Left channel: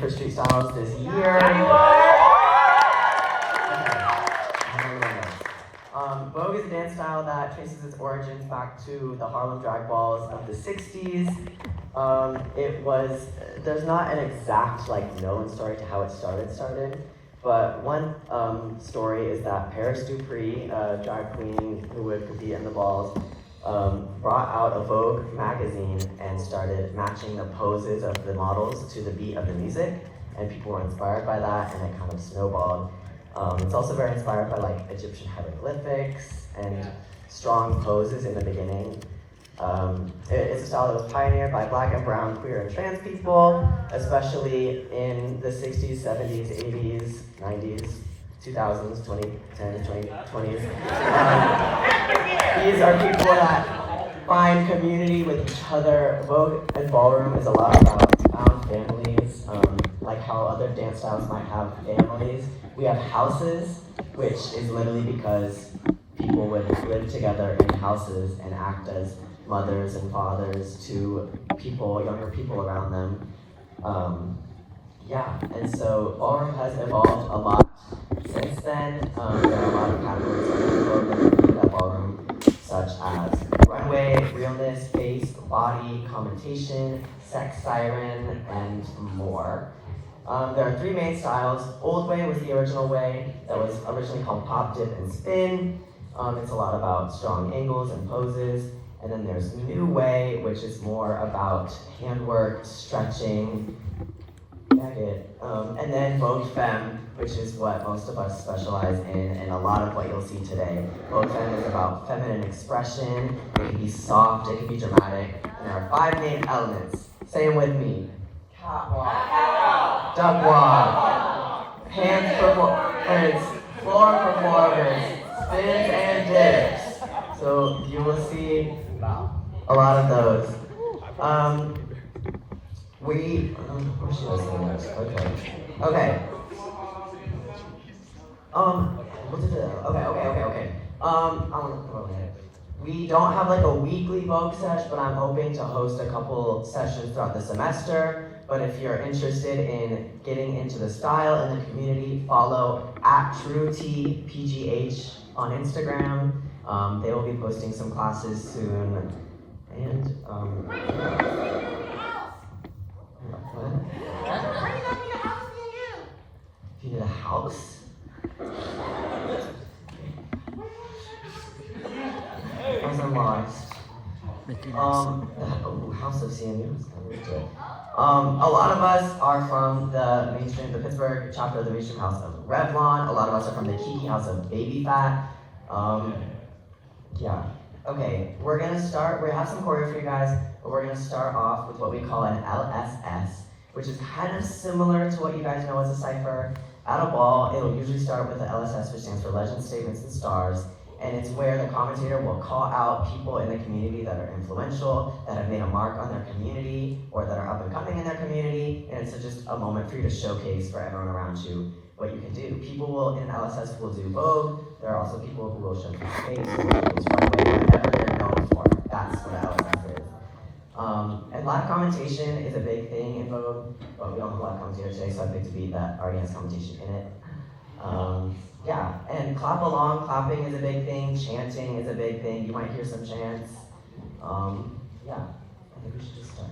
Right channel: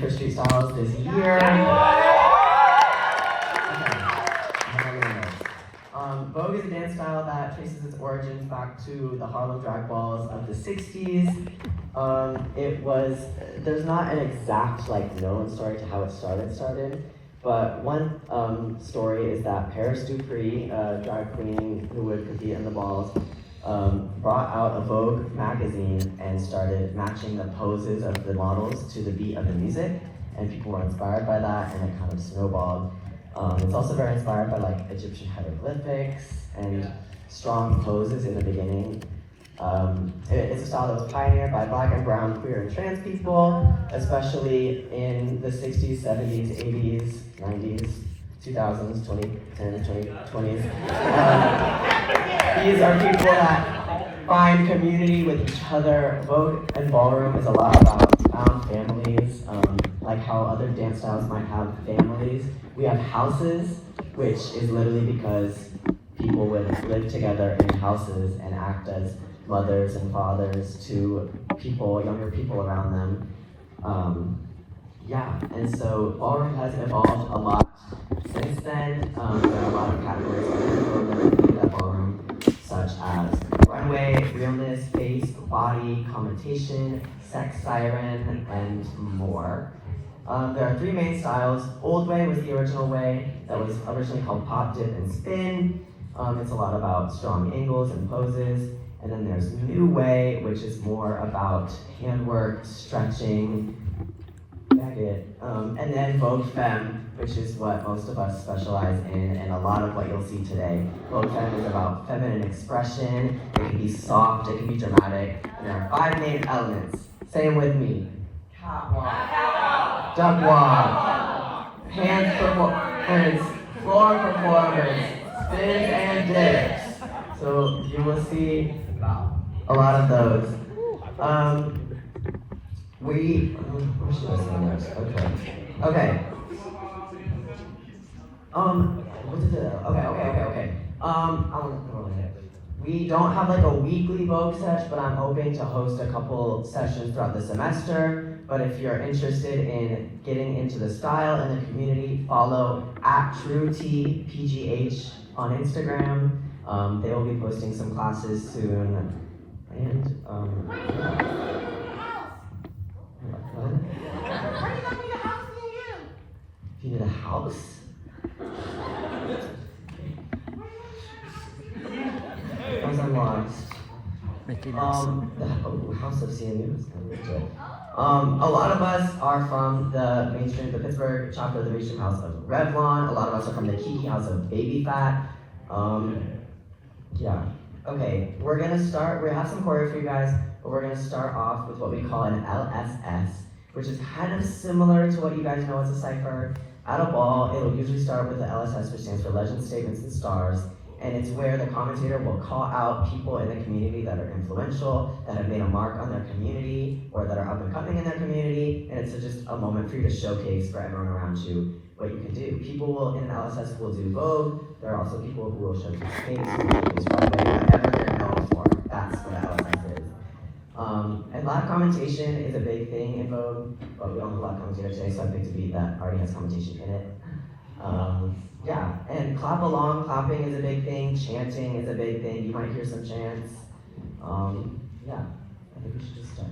ready for street styles this year? Vogue is a dance style that traces its origins back to the Harlem drag balls of the 60s. There's not an exact known story to how it started, but one story is that Paris Dupree, a drag queen who would compete in the balls, brought out a Vogue magazine and started matching the poses of the models to the beat of the music, and people were inspired by that, and it kind of snowballed. It's also very inspired by Egyptian hieroglyphics and strong poses in the beginning. It's a style that was pioneered by Black and brown, queer, and trans people, especially in the 60s, 70s, 80s, 90s, 2000s, 2010s, 2020s. These are people that find community with each other. Vogue and ballroom is a lot about found families, like how other dance styles might have families. We have houses, which is literally because people would live together in houses and act as mothers and fathers to people, younger people around them. And so ballroom has evolved a lot since then. There are a lot of categories of ballroom, such as runway, realness, face, body, commentation, sex siren, and more. There are three main styles. Old way was the original way that was originally called pop, dip, and spin. It's a lot about strong angles and poses. And then there's new way, which is more about handwork, stretching, and then Vogue Femme, which is what most of us specialize in, and a lot of what you'll see today. Vogue Femme is about feminine expression. It can be soft, it can be dramatic, and there are 5 main elements. Say them with me. Catwalk, duck walk, hands performance, floor performance, spins and dips. So you will see a lot of those. Where should I say this? Okay. Okay. I want to throw it. We don't have a weekly Vogue sesh, but I'm hoping to host a couple sessions throughout the semester. But if you're interested in getting into the style and the community, follow @TrueTPGH on Instagram. They will be posting some classes soon. And if you need a house? I'm lost. House of CMU. A lot of us are from the Pittsburgh chapter of the mainstream house of Revlon. A lot of us are from the Kiki house of Baby Fat. Okay, we're gonna start, we have some choreo for you guys, but we're gonna start off with what we call an LSS, which is kind of similar to what you guys know as a cypher. At a ball, it'll usually start with the LSS, which stands for Legends, Statements, and Stars, and it's where the commentator will call out people in the community that are influential, that have made a mark on their community, or that are up and coming in their community, and it's just a moment for you to showcase for everyone around you what you can do. People will, in an LSS, will do Vogue. There are also people who will showcase space, who will showcase runway, whatever they're known for. That's what an LSS is. And live commentation is a big thing in Vogue, but we don't have a live commentator today, so I picked a beat that already has commentation in it. And clap along, clapping is a big thing, chanting is a big thing. You might hear some chants. I think we should just start.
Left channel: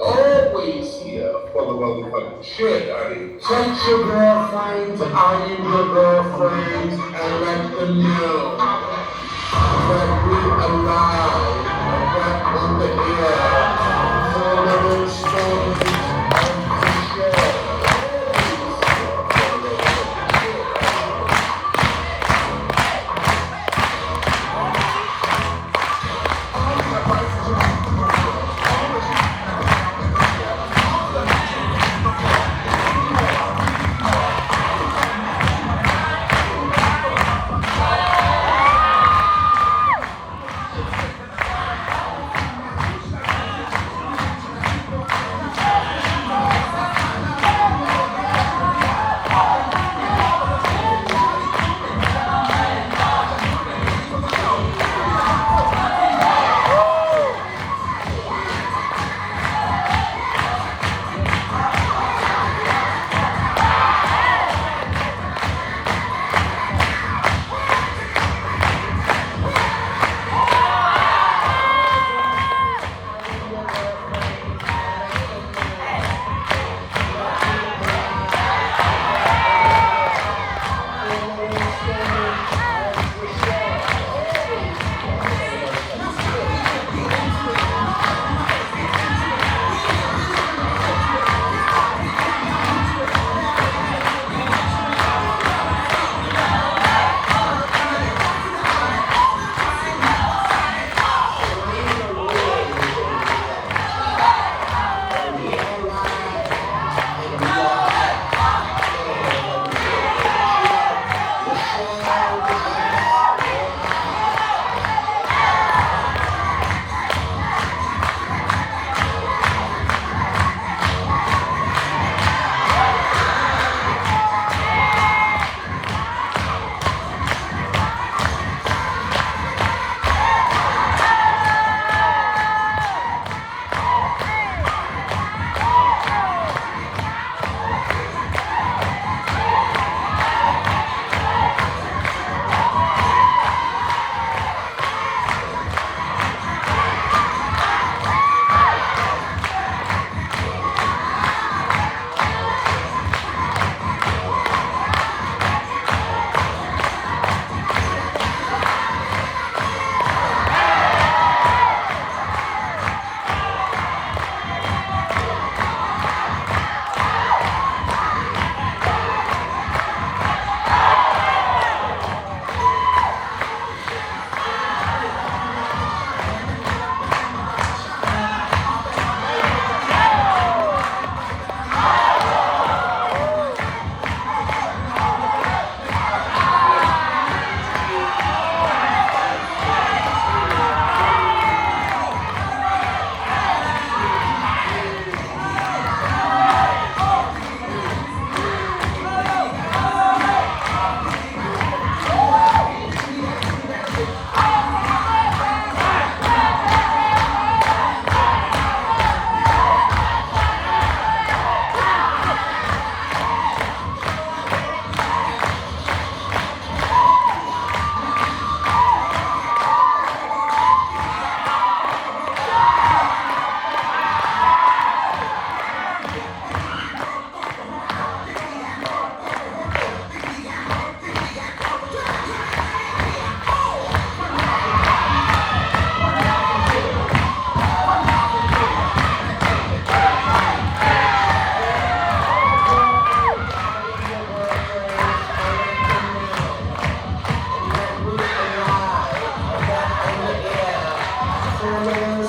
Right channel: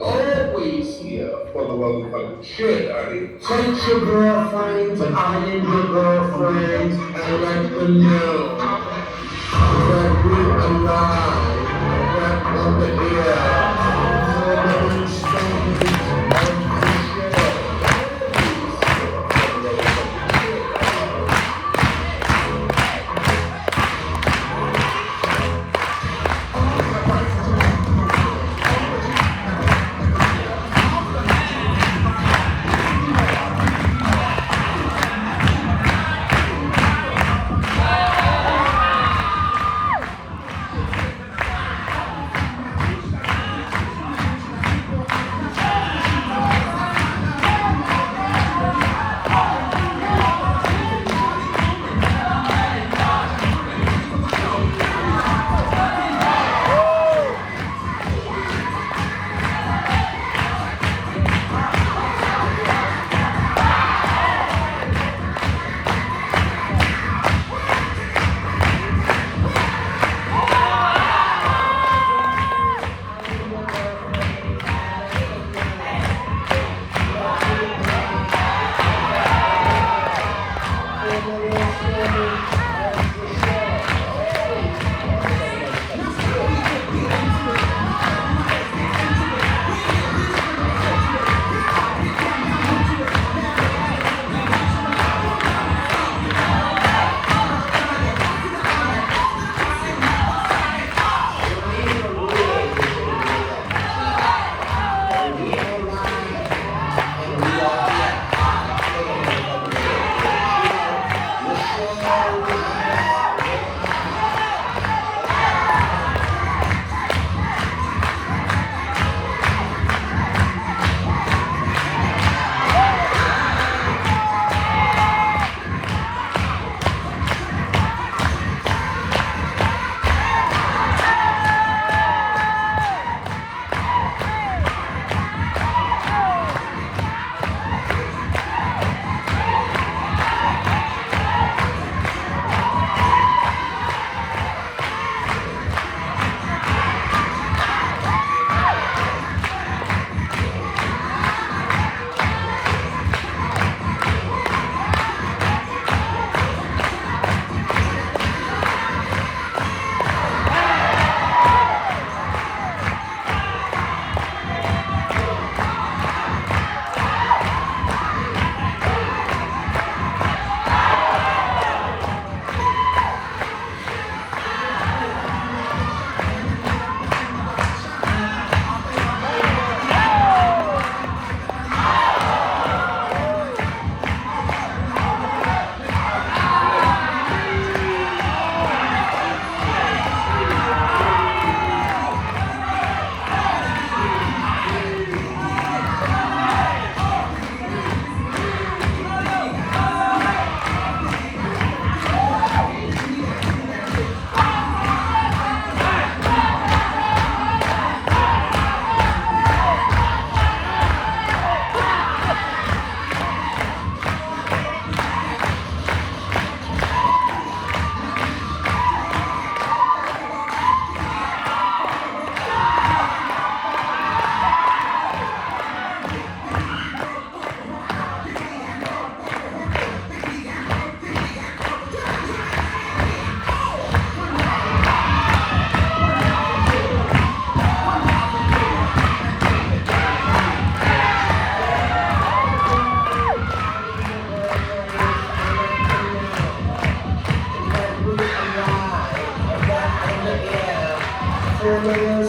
Always here for the motherfucking shit, honey. Take your girlfriends and I am your girlfriends and let them know that we are alive, right on the air. So many stories of the show.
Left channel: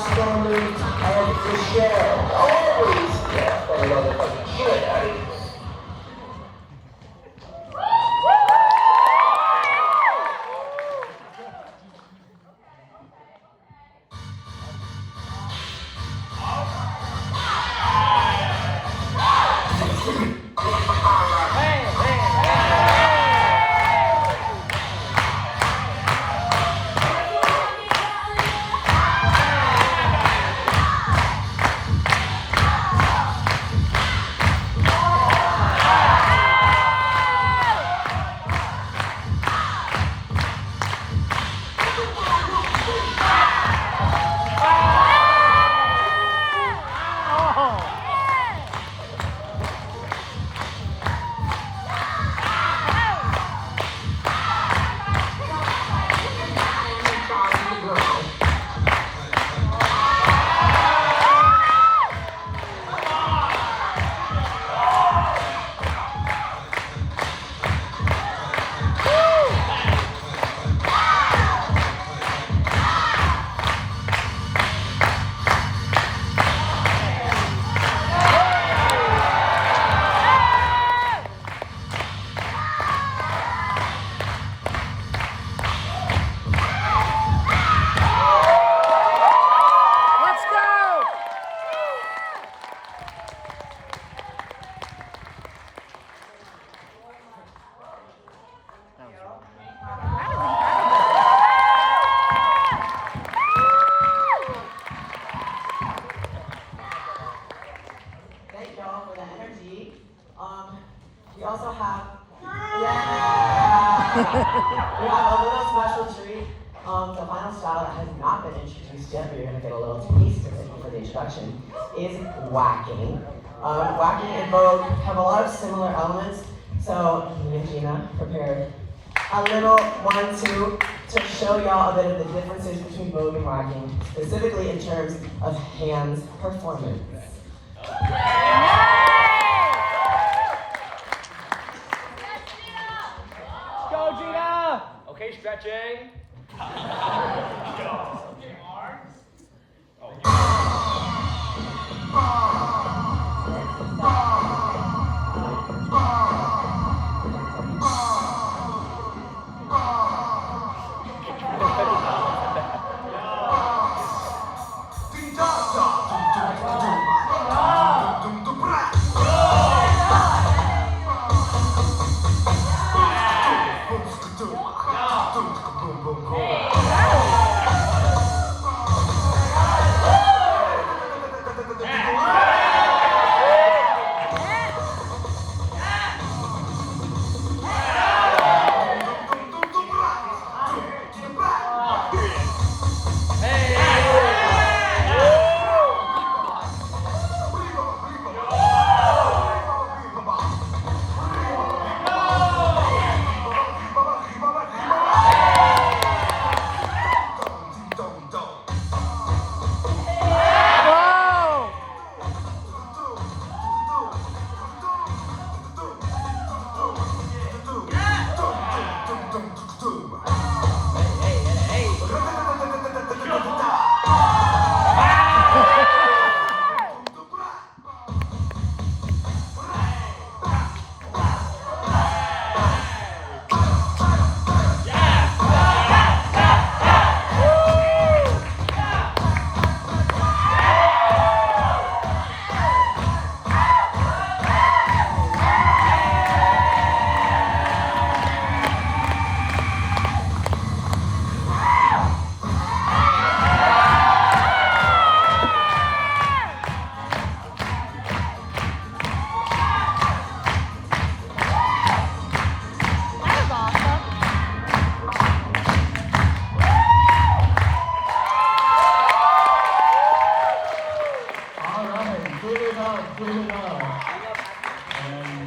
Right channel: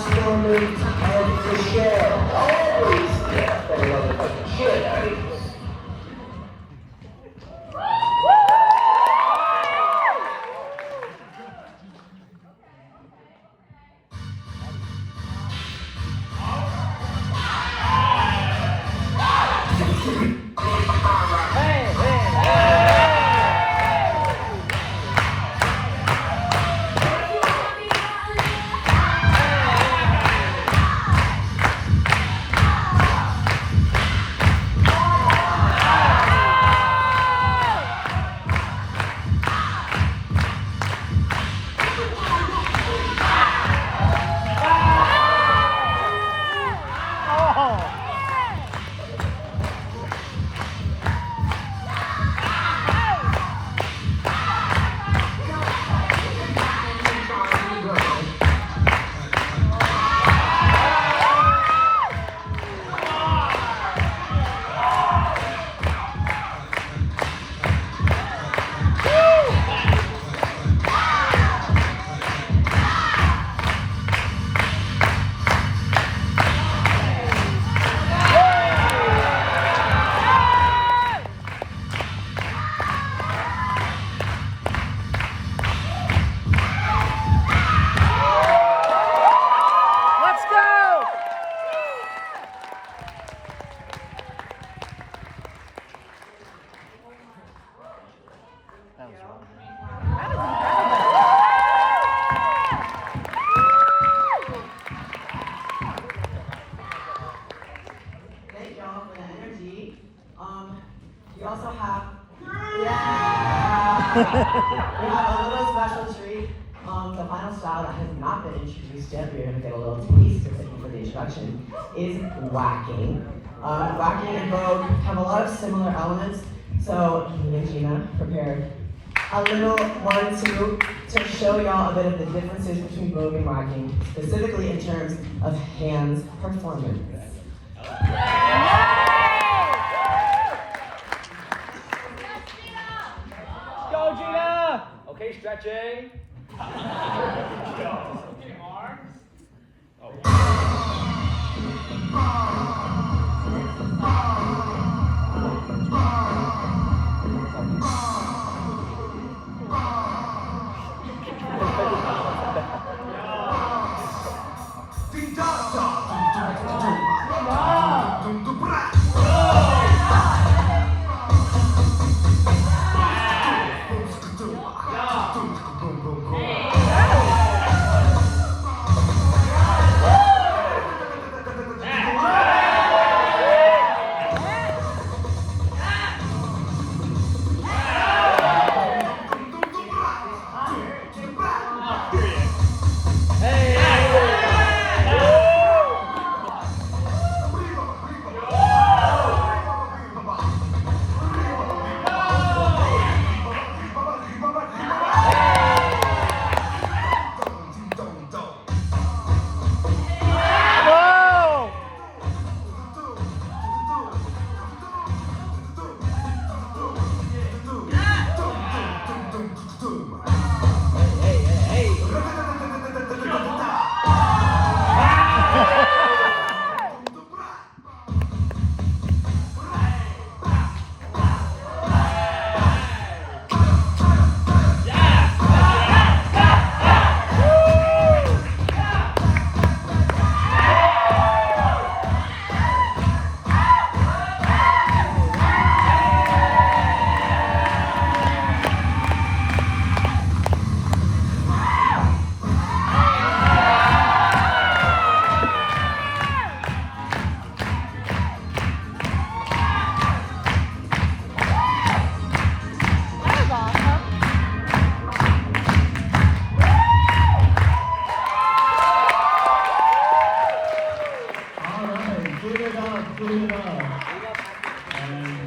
moment of the show. Always here for the motherfucking shit out of you. Thank y'all for the energy. We also have, yeah! We have a little special treat. The final style that has not been introduced yet, but you're gonna get a little taste of it for the introduction, is whacking. Whacking and Vogue have a lot of similar elements, so me and Gina prepared a little 1-2 to show y'all a bit of the differences between Vogue and whacking, specifically in terms of hands performance. Go, Gina! Okay, stretching. Go. Okay, arms.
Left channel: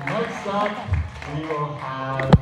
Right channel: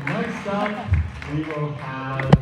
Next up, we will have